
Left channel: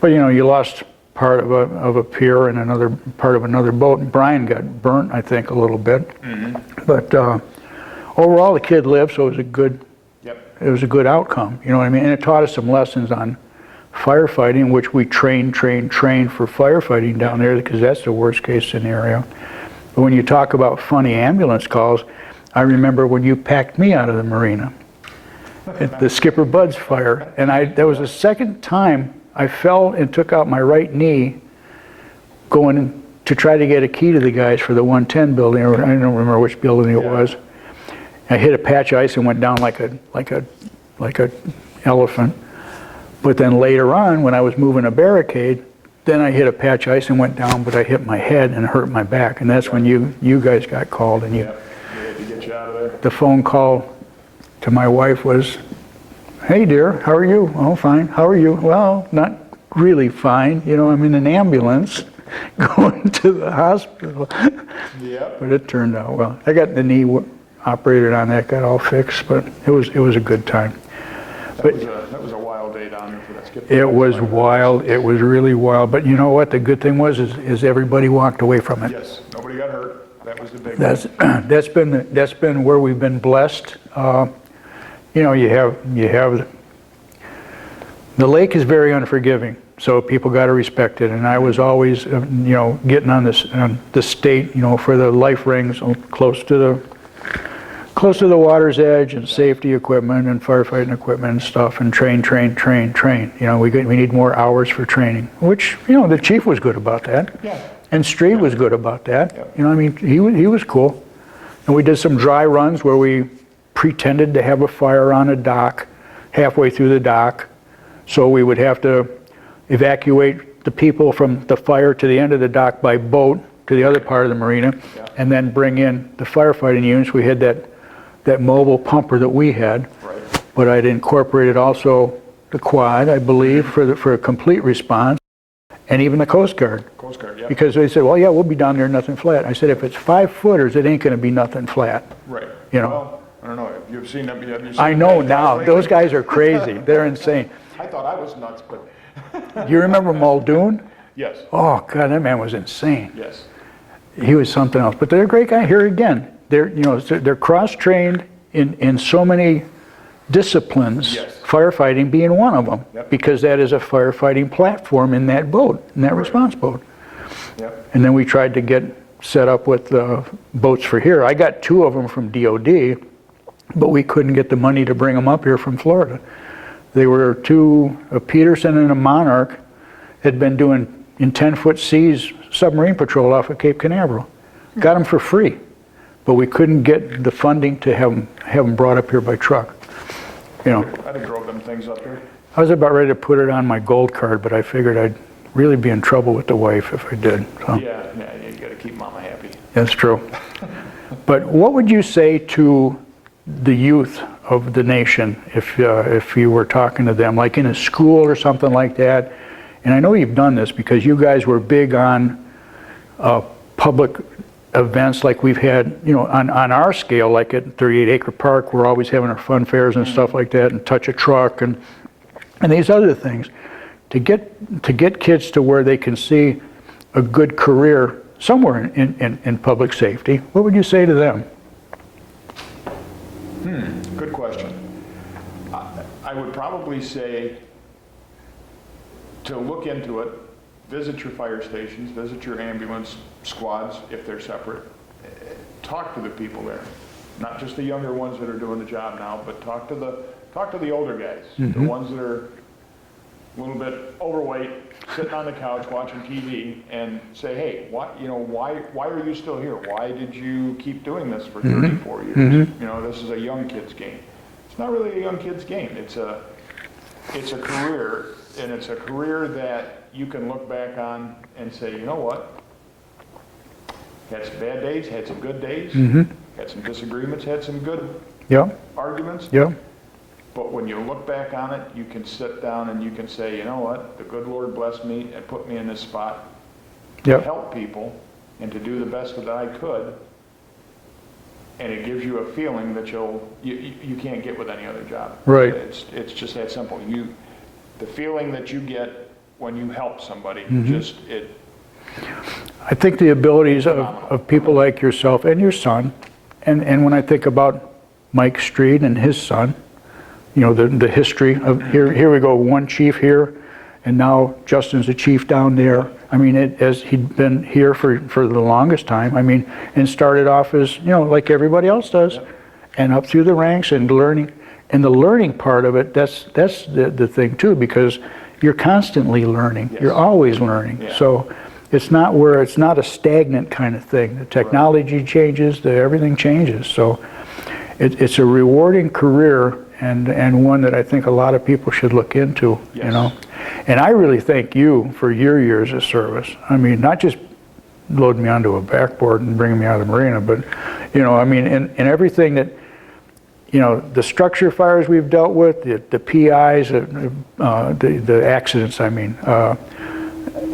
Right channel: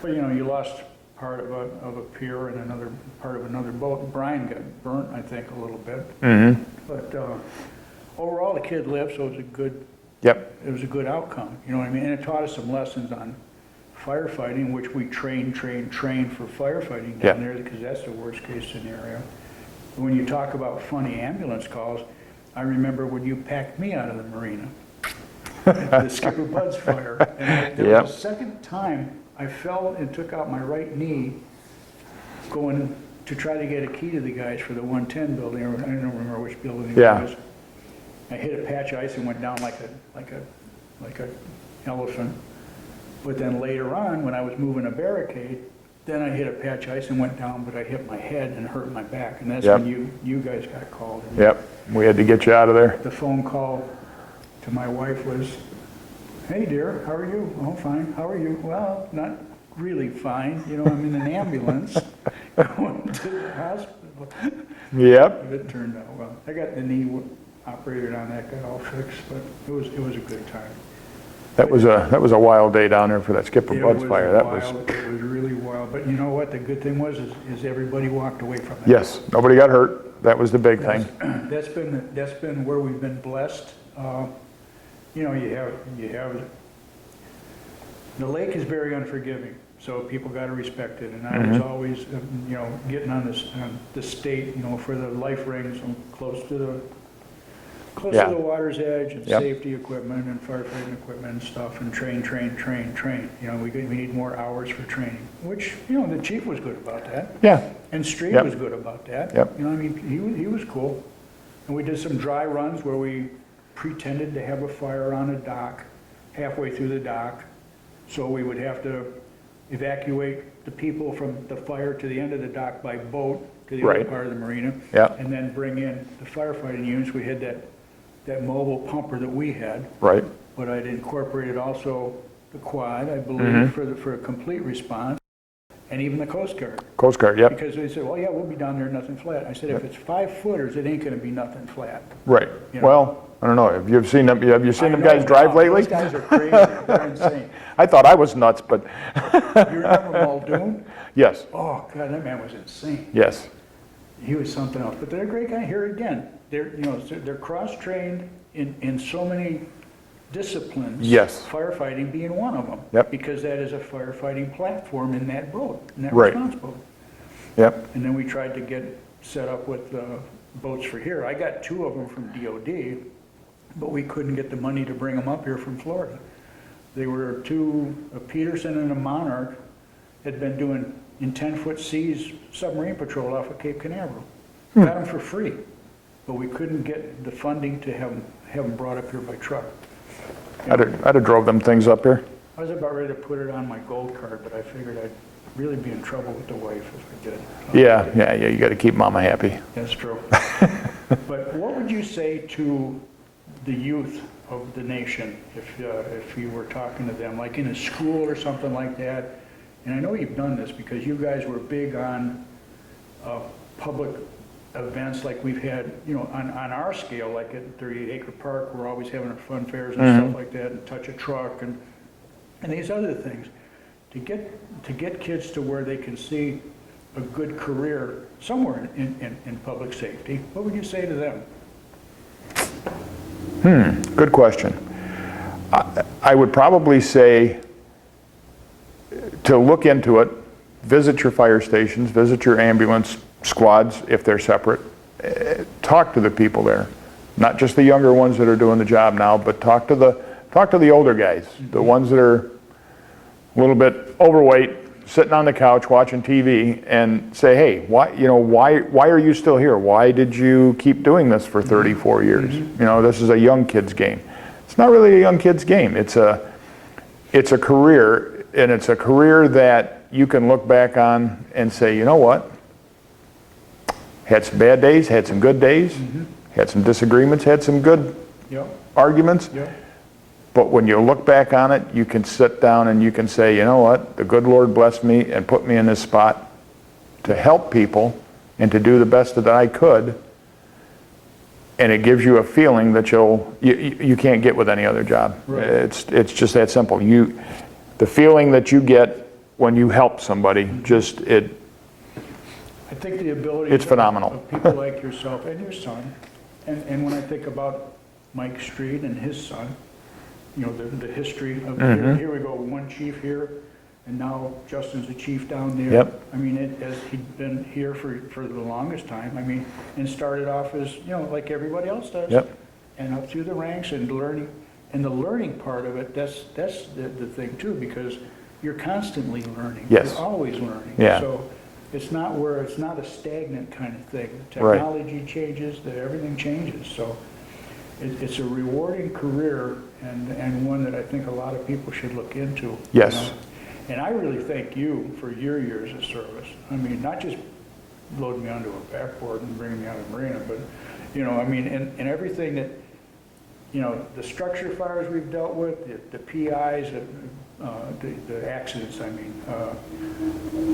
But you know, you lost part of a pier and another part of another boat. And Brian got burnt, I think, a little bit. But overall, the kid lived, so it was a good. yep, It was a good outcome, you know what I mean? And it taught us some lessons on firefighting, which we train for firefighting down Yeah. there, because that's the worst case scenario. But when you talk about funny ambulance calls, I remember when you packed me out of the marina, at the Skipper Bud's fire, and that was Yeah. the second time I fell and took out my right knee going to try to get a key to the guys for the 110 building, or I don't remember which building it Yeah. was. I hit a patch of ice and went down like a elephant. But then later on, when I was moving a barricade, then I hit a patch of ice and went down, but I hit my head and hurt my back. And that's Yep. when you guys got called. And yep. We had to get you out of there. the phone call to my wife was, "Hey dear, how are you?" "Oh, fine. How are you?" "Well, not really fine. You know, I'm in an ambulance going to the hospital." Yep. But it turned out well. I got the knee operated on, that got all fixed, but it was a good time. That was a wild day down there for that Skipper It Bud's was fire. That wild. It was really wild. But you know what? The good thing was is everybody walked away from it. Yes, nobody got hurt. That was the big That's thing. that's been where we've been blessed. You know, you have the lake is very unforgiving, so people got to respect it. And I was always you know, getting on the state, you know, for the life rings close to Yeah. the water's edge, and Yep. safety equipment and firefighting equipment and stuff, and train. You know, we need more hours for training, which, you know, the chief was good about that. Yeah. And Street Yep. was good about that. Yep. You know, I mean, he was cool. And we did some dry runs where we pretended to have a fire on a dock, halfway through the dock, so we would have to evacuate the people from the fire to the end of the dock by boat to the other Right. part of the marina, Yeah. and then bring in the firefighting units. We had that mobile pumper that we had, Right. but I'd incorporated also the quad, I believe, for a complete response, and even the Coast Guard. Coast Guard, yep. Because they said, well, yeah, we'll be down there, nothing flat. I said, if it's 5-footers, it ain't going to be nothing flat. Right. You know. Well, I don't know. Have you seen them? Have you seen I them know guys drive now, lately? those guys are crazy. They're insane. I thought I was nuts, but You remember Muldoon? yes, Oh, God, that man was insane. yes, He was something else. But they're a great guy. Here again, they're cross-trained in so many disciplines. Yes. Firefighting being one of them. Yep. Because that is a firefighting platform in that boat, in that Right. response boat. yep, And then we tried to get set up with boats for here. I got 2 of them from DOD, but we couldn't get the money to bring them up here from Florida. They were 2, a Peterson and a Monarch, had been doing in 10-foot seas submarine patrol off of Cape Canaveral. Got them for free, but we couldn't get the funding to have them brought up here by truck. You know, I'd have drove them things up here. I was about ready to put it on my gold card, but I figured I'd really be in trouble with the wife if I did. So. Yeah, you got to keep Mama happy. That's true. But what would you say to the youth of the nation if you were talking to them, like in a school or something like that? And I know you've done this because you guys were big on public events like we've had, on our scale, like at 38 Acre Park, we're always having our fun fairs and stuff like that, and Touch a Truck and these other things. To get kids to where they can see a good career somewhere in public safety, what would you say to them? Good question. I would probably say to look into it, visit your fire stations, visit your ambulance squads if they're separate, talk to the people there, not just the younger ones that are doing the job now, but talk to the older guys, the ones that are a little bit overweight, sitting on the couch watching TV, and say, hey, why are you still here? Why did you keep doing this for 34 years? This is a young kid's game. It's not really a young kid's game. It's a career, and it's a career that you can look back on and say, you know what? Had some bad days, had some good days, had some disagreements, had some good arguments. Yeah. But when you look back on it, you can sit down and you can say, you know what, the good Lord blessed me and put me in this spot to help people and to do the best that I could. And it gives you a feeling that you can't get with any other job. Right. It's just that simple. The feeling that you get when you help somebody, I think the abilities It's phenomenal. of people like yourself and your son, and when I think about Mike Street and his son, the history of here we go, one chief here, and now Justin's a chief down there. Yep. I mean, as he'd been here for the longest time. I mean, and started off as like everybody else does, and up through the ranks and learning. And the learning part of it, that's the thing too, because you're constantly learning. Yes. You're always learning. Yeah. So it's not a stagnant kind of thing. The technology changes, everything changes. So it's a rewarding career, and one that I think a lot of people should look into. Yes. And I really thank you for your years of service. I mean, not just loading me onto a backboard and bringing me out of the marina, but I mean, in everything that, the structure fires we've dealt with, the PIs, the accidents, I mean,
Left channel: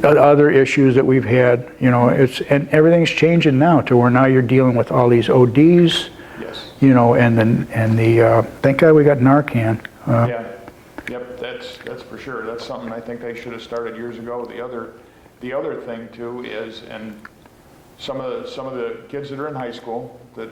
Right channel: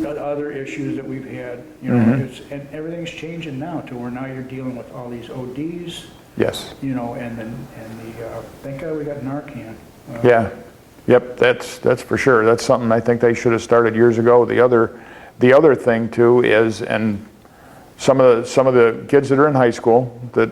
other issues that we've had, and everything's changing now to where now you're dealing with all these ODs. Yes. And the thank God we got Narcan. Yep, that's for sure. That's something I think they should have started years ago. The other thing too is, and some of the kids that are in high school that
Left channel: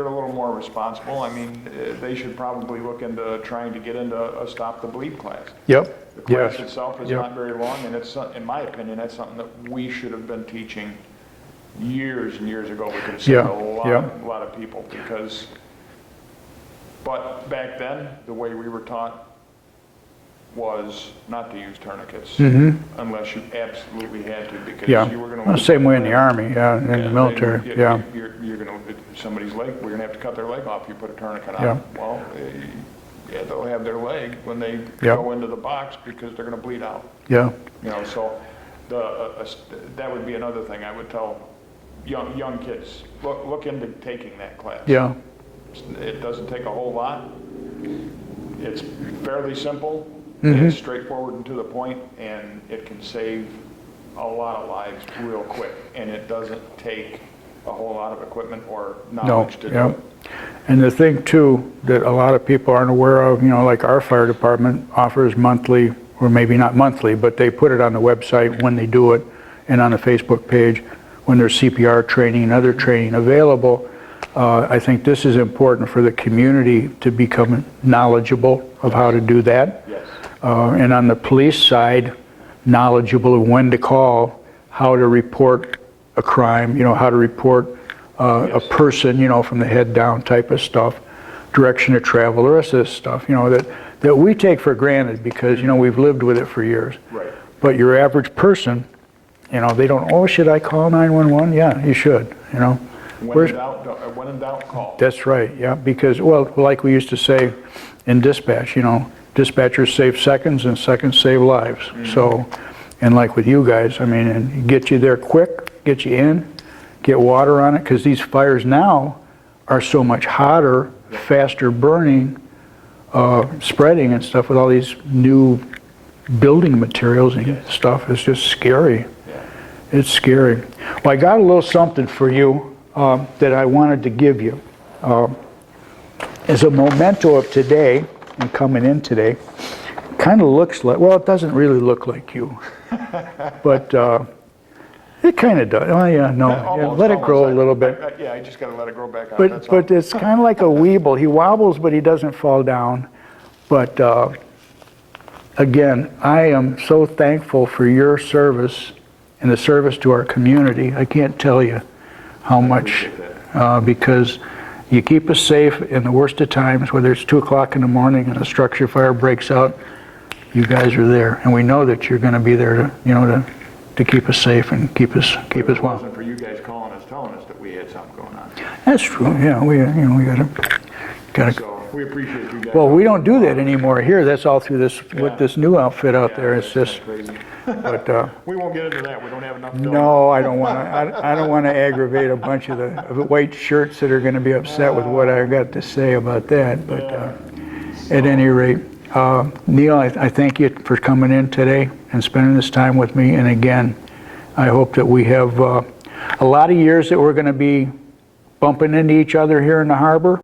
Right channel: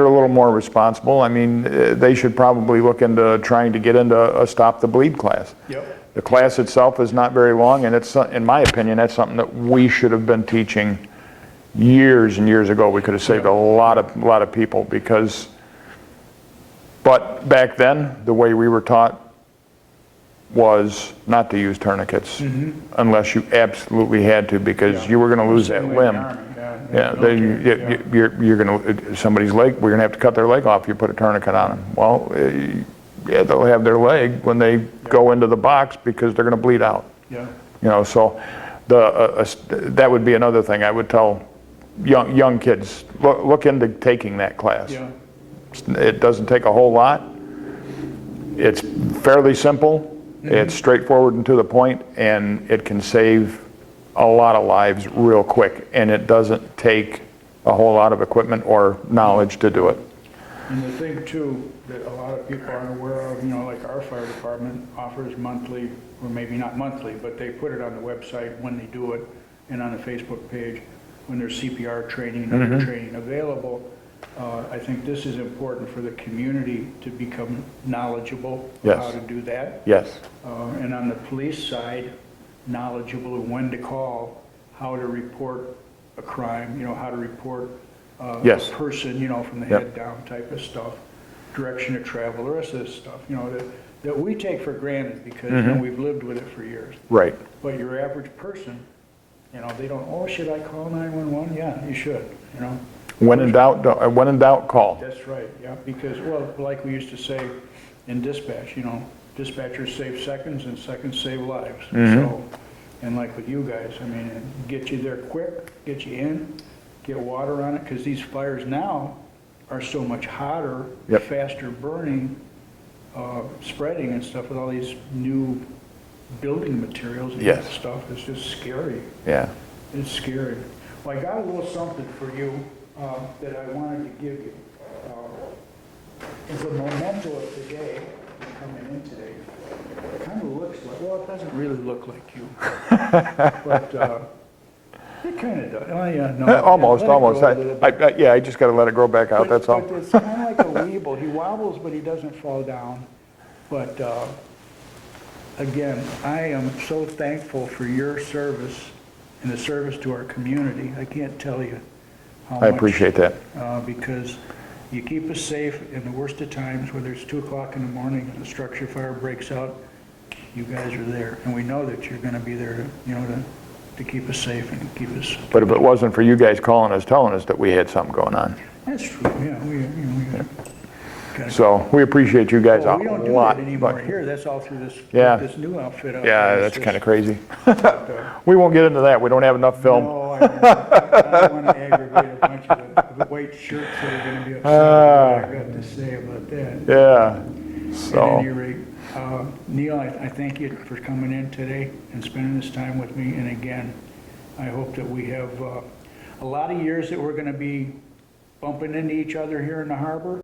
are a little more responsible, I mean, they should probably look into trying to get into a Stop the Bleed class. Yep. The class itself is not very long, and it's, in my opinion, that's something that we should have been teaching years and years ago. We could have saved a lot of people, because, but back then the way we were taught was not to use tourniquets unless you absolutely had to, because you were going to lose same that way in limb. the Army, in the military. You're going to, somebody's leg, we're going to have to cut their leg off. You put a tourniquet on. Well, they'll have their leg when they go into the box, because they're going to bleed out. Yeah. You know, so that would be another thing I would tell young kids, look into taking that class. Yeah. It doesn't take a whole lot. It's fairly simple. It's straightforward and to the point, and it can save a lot of lives real quick. And it doesn't take a whole lot of equipment or knowledge to do it. And the thing too that a lot of people aren't aware of, you know, like our fire department offers monthly, or maybe not monthly, but they put it on the website when they do it, and on the Facebook page when there's CPR training and other training available. I think this is important for the community to become knowledgeable of how to do that. Yes. And on the police side, knowledgeable of when to call, how to report a crime, you know, how to report a person, you know, from the head down type of stuff, direction of travel, the rest of this stuff, you know, that we take for granted because, you know, we've lived with it for years. Right. But your average person, you know, they don't, oh, should I call 911? Yeah, you should, you know. When in doubt, call. That's right, yeah, because, well, like we used to say in dispatch, you know, dispatchers save seconds and seconds save lives. So, and like with you guys, I mean, and get you there quick, get you in, get water on it, because these fires now are so much hotter, faster burning, spreading and stuff with all these new building materials and stuff. It's just scary. Yeah. It's scary. Well, I got a little something for you that I wanted to give you. As a memento of today, and coming in today, kind of looks like, well, it doesn't really look like you, but it kind of does. Oh, yeah, no. Almost. Let it grow a little bit. I just got to let it grow back out, that's all. But it's kind of like a weeble. He wobbles, but he doesn't fall down. But again, I am so thankful for your service and the service to our community. I can't tell you how much. I appreciate that. Because you keep us safe in the worst of times, whether it's 2 o'clock in the morning and a structure fire breaks out, you guys are there. And we know that you're going to be there to, you know, to keep us safe and keep us. But if it wasn't for you guys calling us, telling us that we had something going on. That's true. Yeah, we got to. So we appreciate you guys. Well, we don't do that anymore here. That's all through this with this new outfit out there. Yeah, that's kind of crazy. But, we won't get into that. We don't have enough film. no, I don't want. I don't want to aggravate a bunch of the white shirts that are going to be upset with what I've got to say about that. Yeah. At any rate, Neal, I thank you for coming in today and spending this time with me. And again, I hope that we have a lot of years that we're going to be bumping into each other here in the harbor.